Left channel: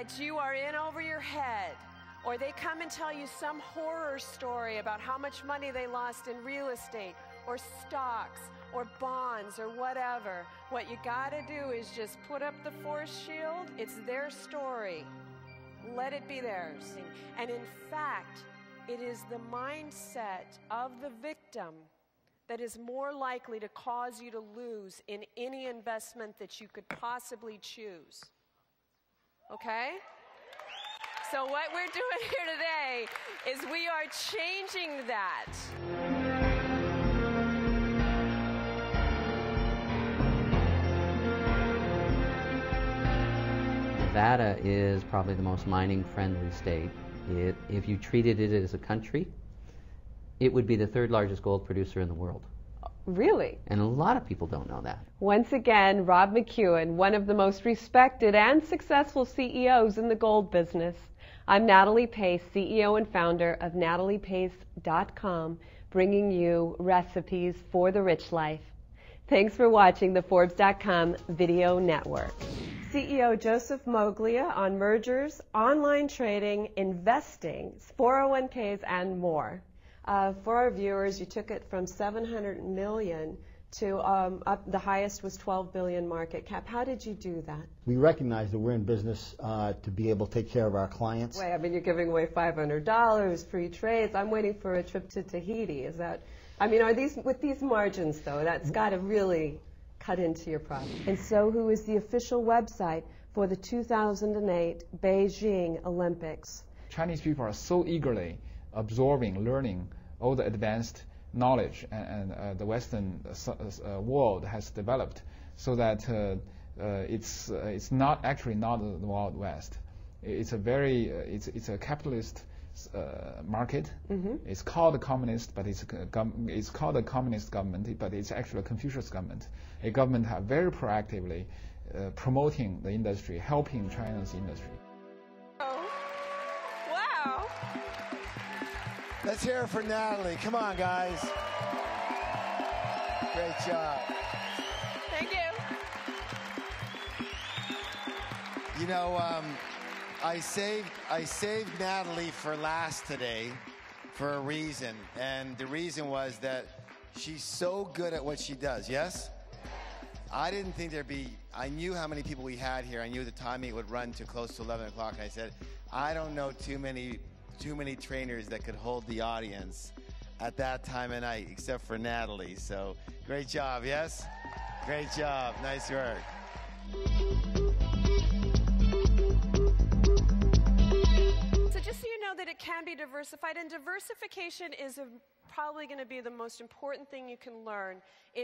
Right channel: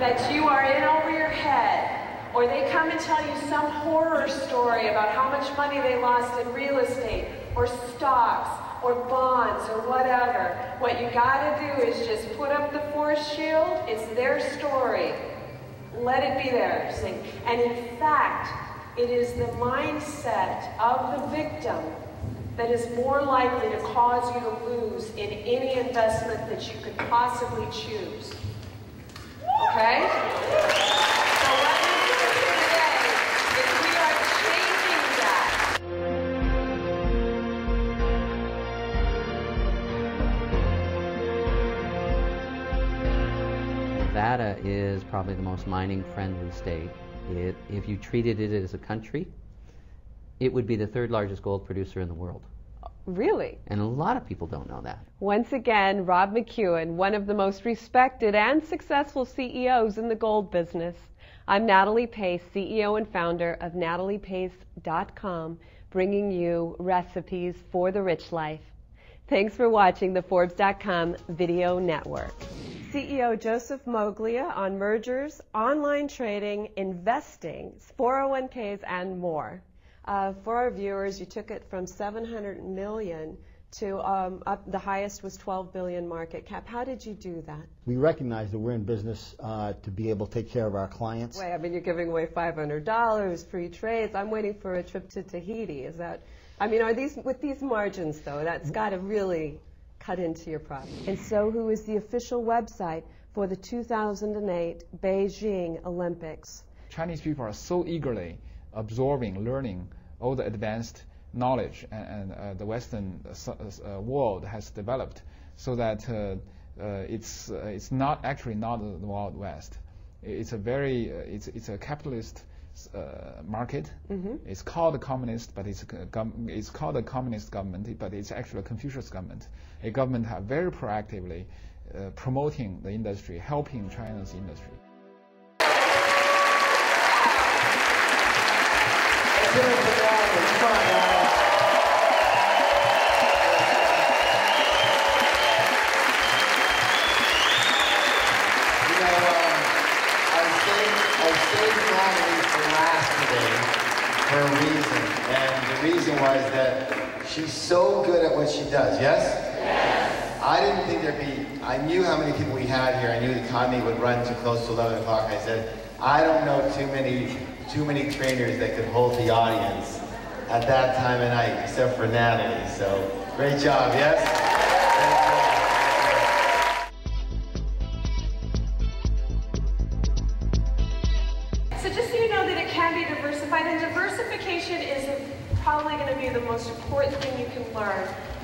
that you are in over your head, or they come and tell you some horror story about how much money they lost in real estate, or stocks, or bonds, or whatever, what you gotta do is just put up the force shield. It's their story. Let it be theirs. And in fact, it is the mindset of the victim that is more likely to cause you to lose in any investment that you could possibly choose. Okay? So what I'm going to do today is we are changing that. Nevada is probably the most mining-friendly state. If you treated it as a country, it would be the third largest gold producer in the world. Really? And a lot of people don't know that. Once again, Rob McEwen, one of the most respected and successful CEOs in the gold business. I'm Natalie Pace, CEO and founder of nataliepace.com, bringing you recipes for the rich life. Thanks for watching the Forbes.com video network. CEO Joseph Moglia on mergers, online trading, investing, 401ks, and more. For our viewers, you took it from 700 million to up, the highest was 12 billion market cap. How did you do that? We recognize that we're in business to be able to take care of our clients. Wait, I mean, you're giving away $500, free trades. I'm waiting for a trip to Tahiti. Is that, I mean, are these, with these margins though, that's got to really cut into your profit. And so who is the official website for the 2008 Beijing Olympics? Chinese people are so eagerly absorbing, learning all the advanced knowledge and the Western world has developed, so that it's not actually not the Wild West. It's a very it's a capitalist market. Mm-hmm. It's called a communist, but it's called a communist government, but it's actually a Confucius government. A government have very proactively promoting the industry, helping China's industry. For a reason, and the reason was that she's so good at what she does, yes? Yes. I didn't think there'd be, I knew how many people we had here, I knew the timing would run too close to 11 o'clock. I said, I don't know too many trainers that could hold the audience at that time of night, except for Natalie, so great job, yes?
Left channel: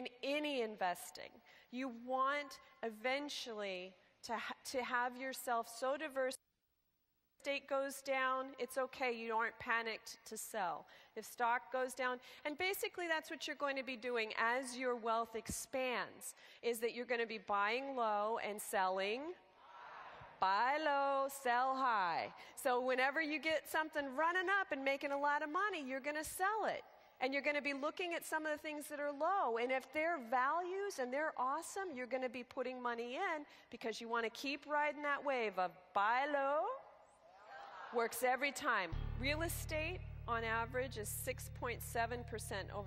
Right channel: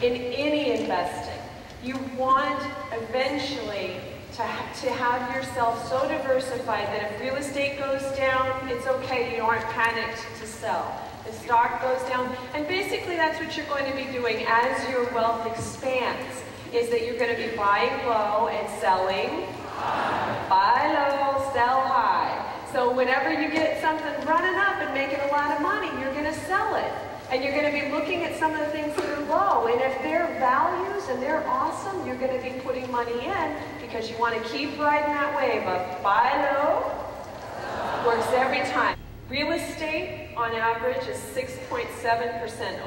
In any investing, you want eventually to have yourself so diversified that if real estate goes down, it's okay, you aren't panicked to sell. The stock goes down, and basically that's what you're going to be doing as your wealth expands, is that you're going to be buying low and selling. Buy low, sell high. So whenever you get something running up and making a lot of money, you're going to sell it. And you're going to be looking at some of the things that are low. And if they're values and they're awesome, you're going to be putting money in because you want to keep riding that wave of buy low. Works every time. Real estate, on average, is 6.7%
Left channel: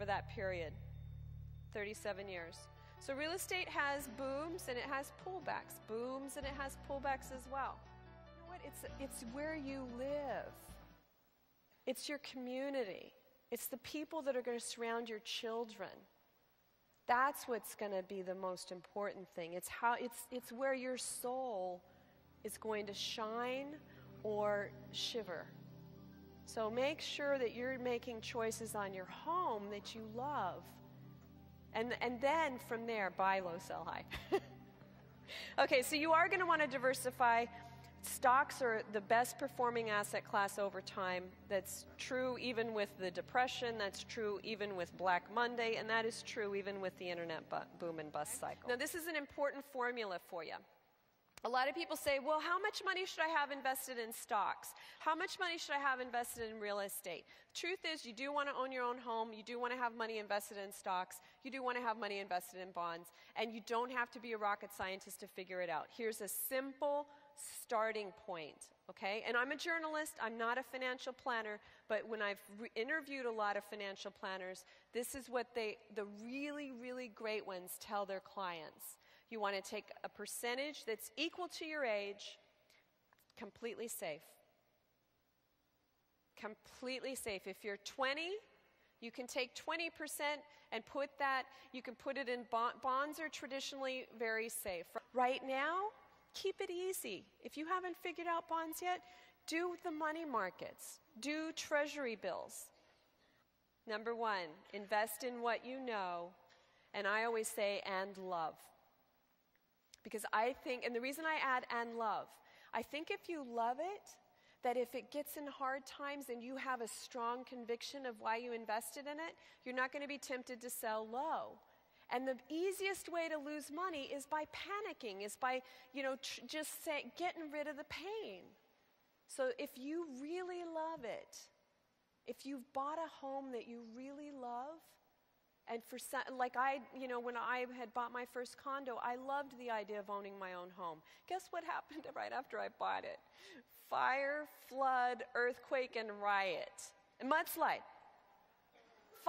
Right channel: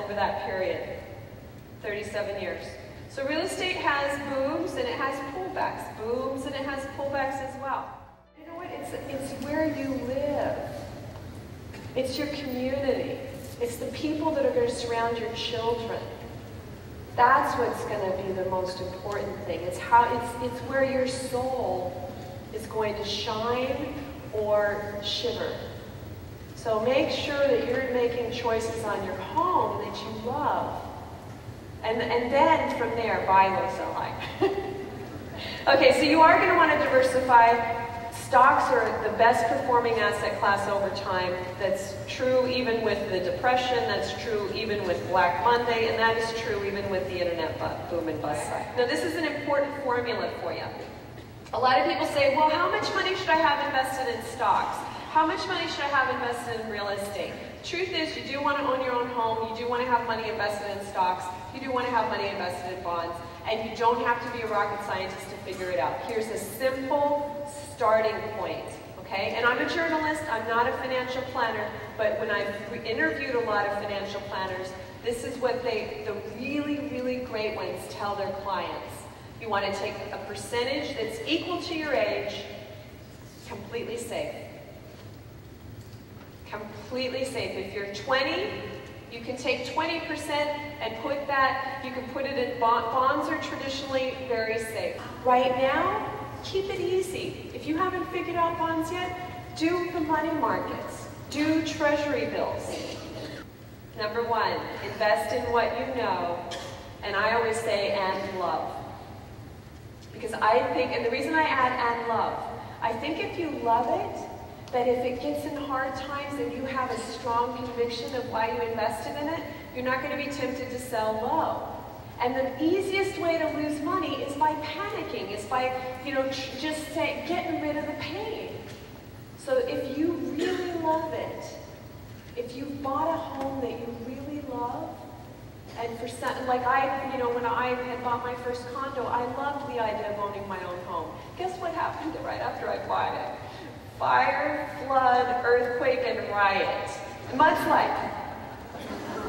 over that period, 37 years. So real estate has booms and it has pullbacks. Booms and it has pullbacks as well. You know what? It's where you live. It's your community. It's the people that are going to surround your children. That's what's going to be the most important thing. It's where your soul is going to shine or shiver. So make sure that you're making choices on your home that you love. And then from there, buy low, sell high. Okay, so you are going to want to diversify. Stocks are the best performing asset class over time. That's true even with the Depression, that's true even with Black Monday, and that is true even with the internet boom and bust. Now this is an important formula for you. A lot of people say, well, how much money should I have invested in stocks? How much money should I have invested in real estate? The truth is, you do want to own your own home, you do want to have money invested in stocks, you do want to have money invested in bonds, and you don't have to be a rocket scientist to figure it out. Here's a simple starting point. planner, but when I've interviewed a lot of financial planners, this is what the really, really great ones tell their clients. You want to take a percentage that's equal to your age, completely safe. Completely safe. If you're 20, you can take 20% and put that, you can put it in bonds. Bonds are traditionally very safe. Right now, keep it easy. If you haven't figured out bonds yet, do the money markets. Do treasury bills. Number one, invest in what you know, and I always say, and love. Because I think, and the reason I add and love, I think if you love it, that if it gets in hard times and you have a strong conviction of why you invested in it, you're not going to be tempted to sell low. And the easiest way to lose money is by panicking. It's by, just getting rid of the pain. So if you really love it, if you bought a home that you really love, and for some, like when I had bought my first condo, I loved the idea of owning my own home. Guess what happened right after I bought it? Fire, flood, earthquake, and riot. Mudslide.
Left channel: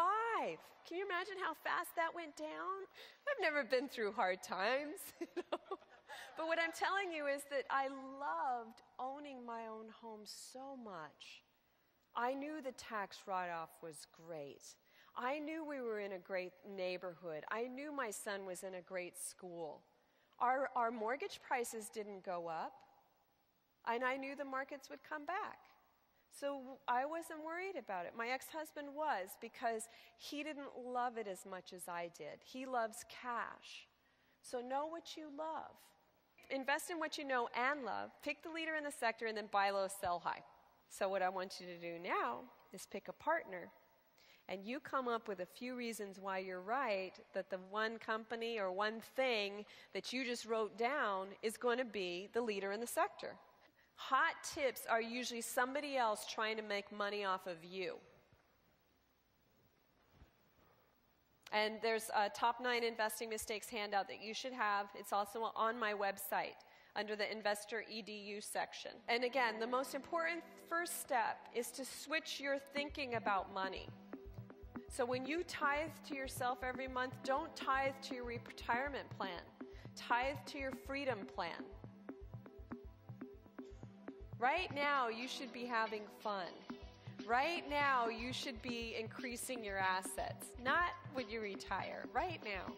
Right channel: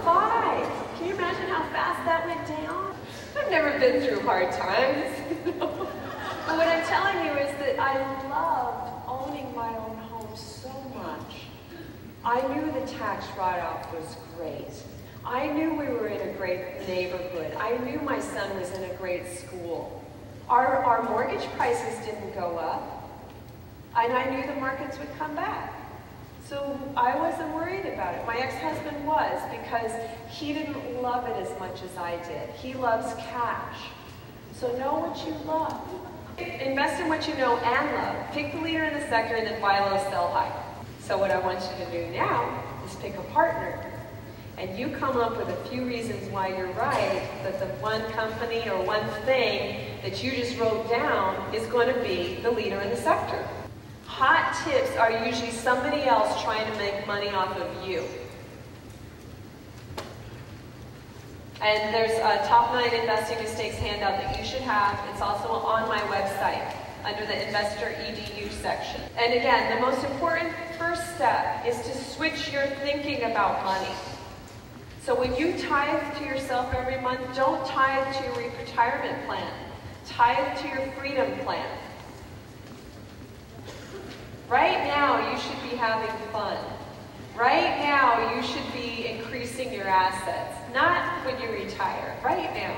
5. Can you imagine how fast that went down? I've never been through hard times. But what I'm telling you is that I loved owning my own home so much. I knew the tax write-off was great. I knew we were in a great neighborhood. I knew my son was in a great school. Our mortgage prices didn't go up. And I knew the markets would come back. So I wasn't worried about it. My ex-husband was, because he didn't love it as much as I did. He loves cash. So know what you love. Invest in what you know and love. Pick the leader in the sector and then buy low, sell high. So what I want you to do now is pick a partner. And you come up with a few reasons why you're right, that the one company or one thing that you just wrote down is going to be the leader in the sector. Hot tips are usually somebody else trying to make money off of you. And there's a top 9 investing mistakes handout that you should have. It's also on my website under the Investor EDU section. And again, the most important first step is to switch your thinking about money. So when you tithe to yourself every month, don't tithe to your retirement plan. Tithe to your freedom plan. Right now, you should be having fun. Right now, you should be increasing your assets. Not when you retire. Right now.